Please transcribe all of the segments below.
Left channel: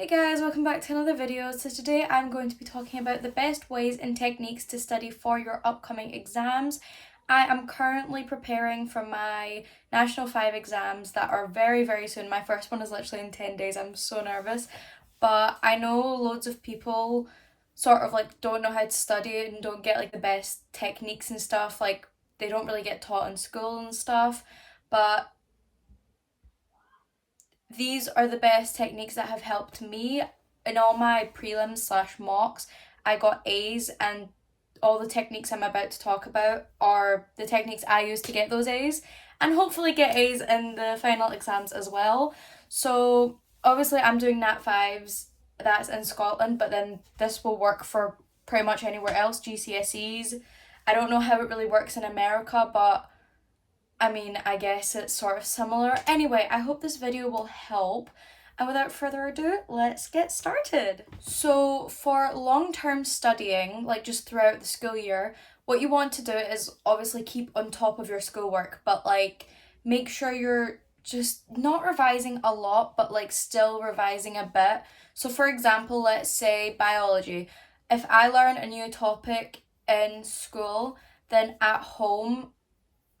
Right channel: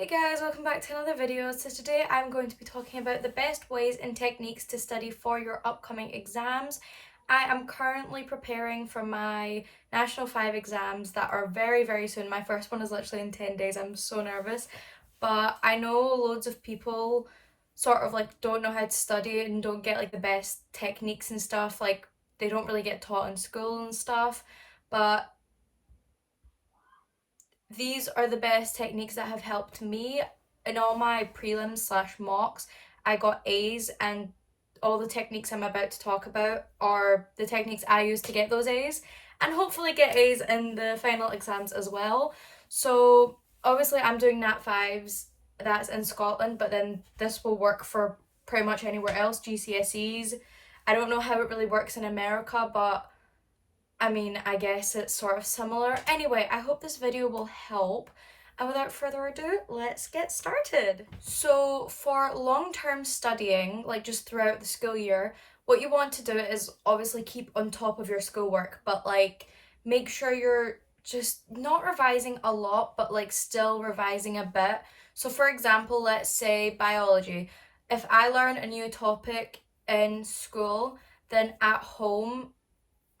Hey guys, welcome back to another video. So today I'm going to be talking about the best ways and techniques to study for your upcoming exams. I am currently preparing for my National 5 exams that are very soon. My first one is literally in 10 days. I'm so nervous. But I know loads of people sort of like don't know how to study and don't get like the best techniques and stuff. Like they don't really get taught in school and stuff. But these are the best techniques that have helped me. In all my prelims slash mocks, I got A's, and all the techniques I'm about to talk about are the techniques I use to get those A's and hopefully get A's in the final exams as well. So obviously I'm doing Nat 5s, that's in Scotland, but then this will work for pretty much anywhere else, GCSEs. I don't know how it really works in America, but I mean, I guess it's sort of similar. Anyway, I hope this video will help. And without further ado, let's get started. So for long-term studying, like just throughout the school year, what you want to do is obviously keep on top of your schoolwork, but like make sure you're just not revising a lot, but like still revising a bit. So for example, let's say biology. If I learn a new topic in school, then at home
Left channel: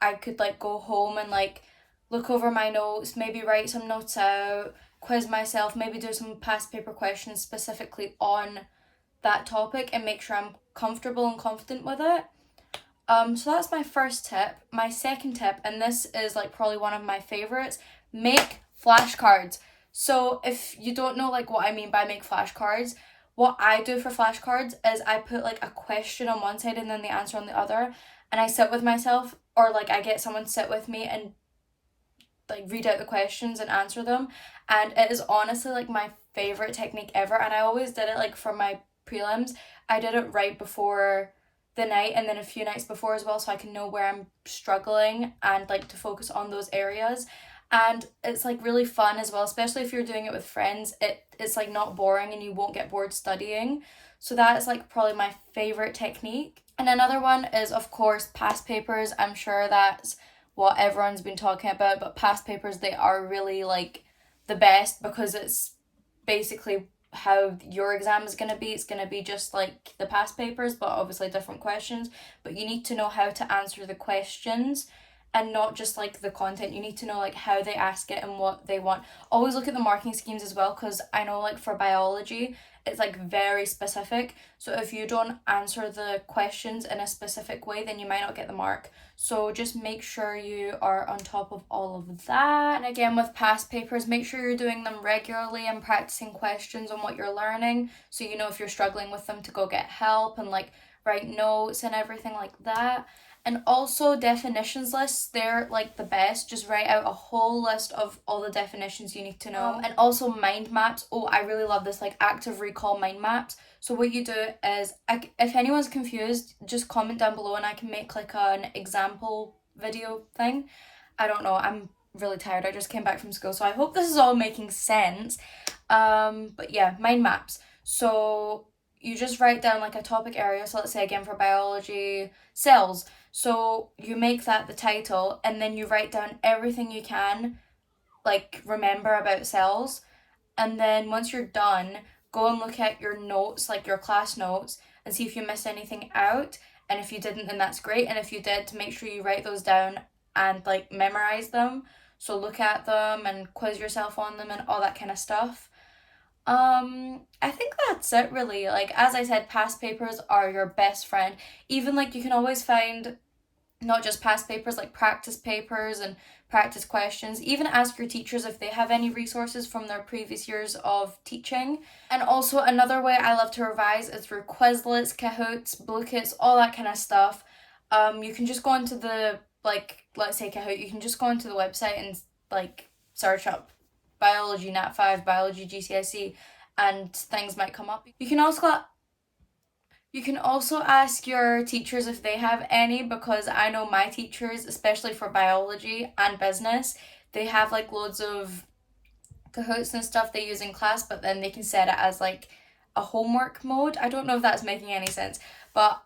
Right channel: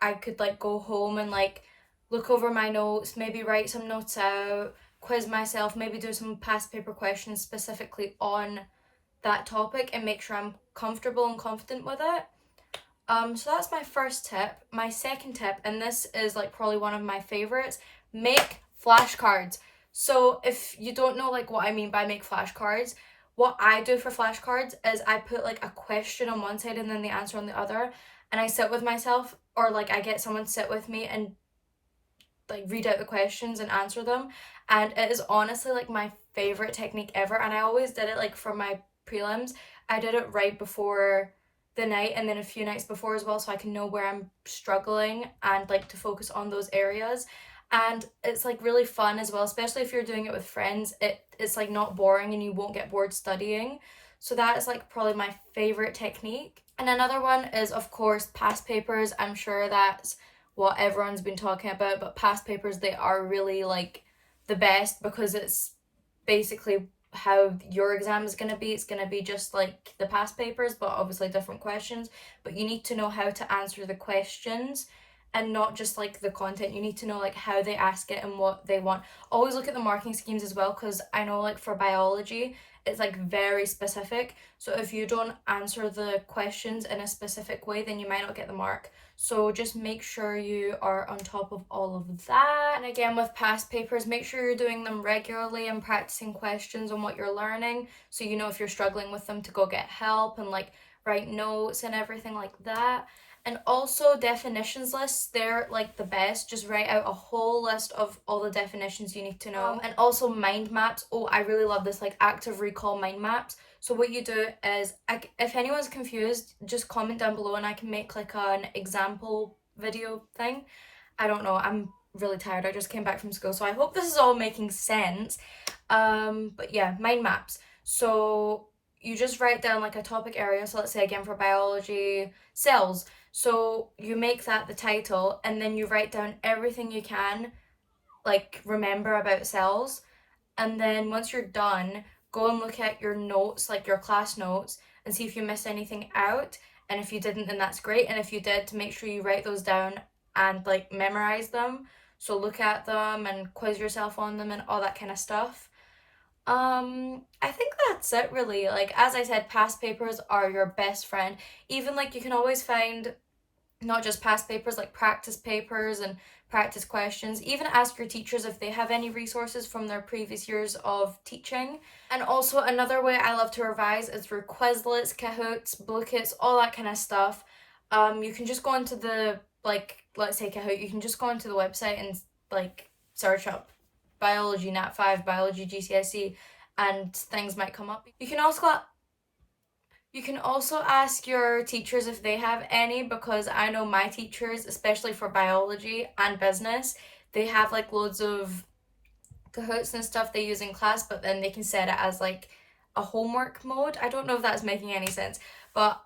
I could like go home and like look over my notes, maybe write some notes out, quiz myself, maybe do some past paper questions specifically on that topic and make sure I'm comfortable and confident with it. So that's my first tip. My second tip, and this is like probably one of my favorites, make flashcards. So if you don't know like what I mean by make flashcards, what I do for flashcards is I put like a question on one side and then the answer on the other, and I sit with myself, or like I get someone to sit with me and like read out the questions and answer them. And it is honestly like my favorite technique ever, and I always did it like for my prelims. I did it right before the night and then a few nights before as well, so I can know where I'm struggling and like to focus on those areas. And it's like really fun as well, especially if you're doing it with friends. It's like not boring and you won't get bored studying. So that is like probably my favorite technique. And another one is of course past papers. I'm sure that's what everyone's been talking about, but past papers, they are really like the best because it's basically how your exam is going to be. It's going to be just like the past papers, but obviously different questions. But you need to know how to answer the questions and not just like the content. You need to know like how they ask it and what they want. Always look at the marking schemes as well, because I know like for biology it's like very specific. So if you don't answer the questions in a specific way, then you might not get the mark. So just make sure you are on top of all of that. And again, with past papers, make sure you're doing them regularly and practicing questions on what you're learning, so you know if you're struggling with them to go get help and like write notes and everything like that. And also definitions lists, they're like the best. Just write out a whole list of all the definitions you need to know. And also mind maps. Oh, I really love this, like active recall mind maps. So what you do is, if anyone's confused, just comment down below and I can make like an example video thing. I don't know, I'm really tired. I just came back from school, so I hope this is all making sense. But yeah, mind maps. So you just write down like a topic area. So let's say again for biology, cells. So you make that the title and then you write down everything you can like remember about cells. And then once you're done, go and look at your notes, like your class notes, and see if you missed anything out. And if you didn't, then that's great. And if you did, to make sure you write those down and like memorize them. So look at them and quiz yourself on them and all that kind of stuff. I think that's it really. Like as I said, past papers are your best friend. Even like you can always find not just past papers, like practice papers and practice questions. Even ask your teachers if they have any resources from their previous years of teaching. And also another way I love to revise is through Quizlets, Kahoots, Bluekits, all that kind of stuff. You can just go into the, like, let's say Kahoot, you can just go into the website and like search up biology Nat 5, biology GCSE, and things might come up. You can also ask your teachers if they have any, because I know my teachers, especially for biology and business, they have like loads of Kahoots and stuff they use in class, but then they can set it as like a homework mode. I don't know if that's making any sense, but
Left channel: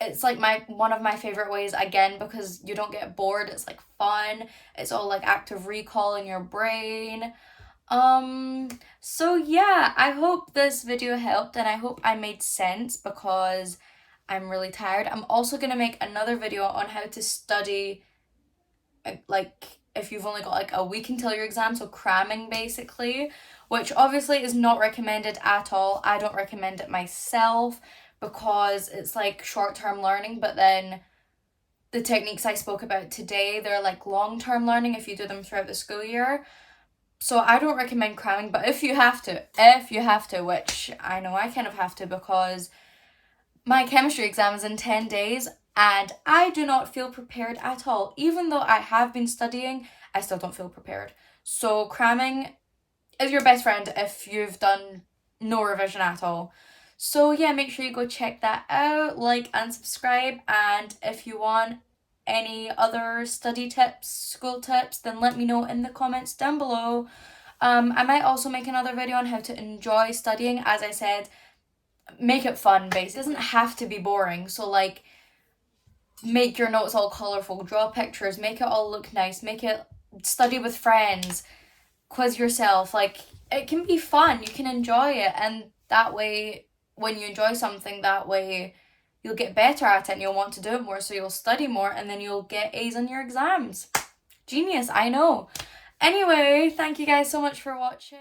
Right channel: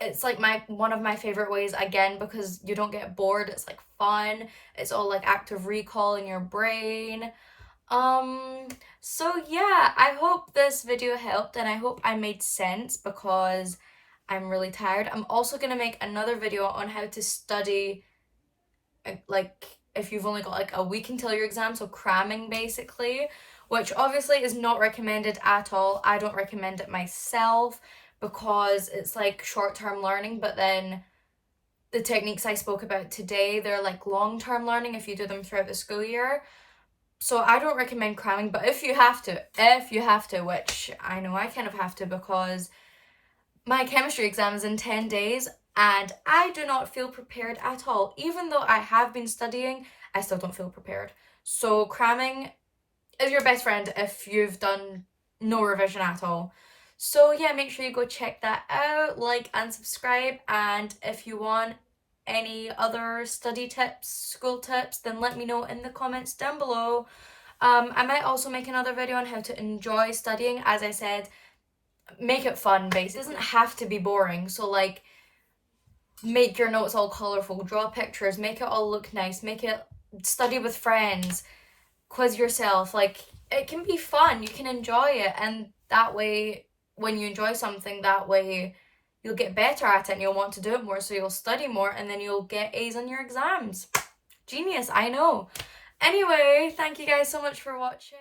it's like one of my favorite ways, again, because you don't get bored. It's like fun. It's all like active recall in your brain. So yeah, I hope this video helped and I hope I made sense because I'm really tired. I'm also gonna make another video on how to study, like if you've only got like a week until your exam, so cramming basically, which obviously is not recommended at all. I don't recommend it myself because it's like short-term learning, but then the techniques I spoke about today, they're like long-term learning if you do them throughout the school year. So I don't recommend cramming, but if you have to, which I know I kind of have to because my chemistry exam is in 10 days and I do not feel prepared at all. Even though I have been studying, I still don't feel prepared. So cramming is your best friend if you've done no revision at all. So yeah, make sure you go check that out, like and subscribe, and if you want any other study tips, school tips, then let me know in the comments down below. I might also make another video on how to enjoy studying. As I said, make it fun basically. It doesn't have to be boring. So like make your notes all colourful, draw pictures, make it all look nice, make it study with friends, quiz yourself. Like it can be fun, you can enjoy it, and that way when you enjoy something, that way you'll get better at it and you'll want to do it more, so you'll study more and then you'll get A's on your exams. Genius, I know. Anyway, thank you guys so much for watching.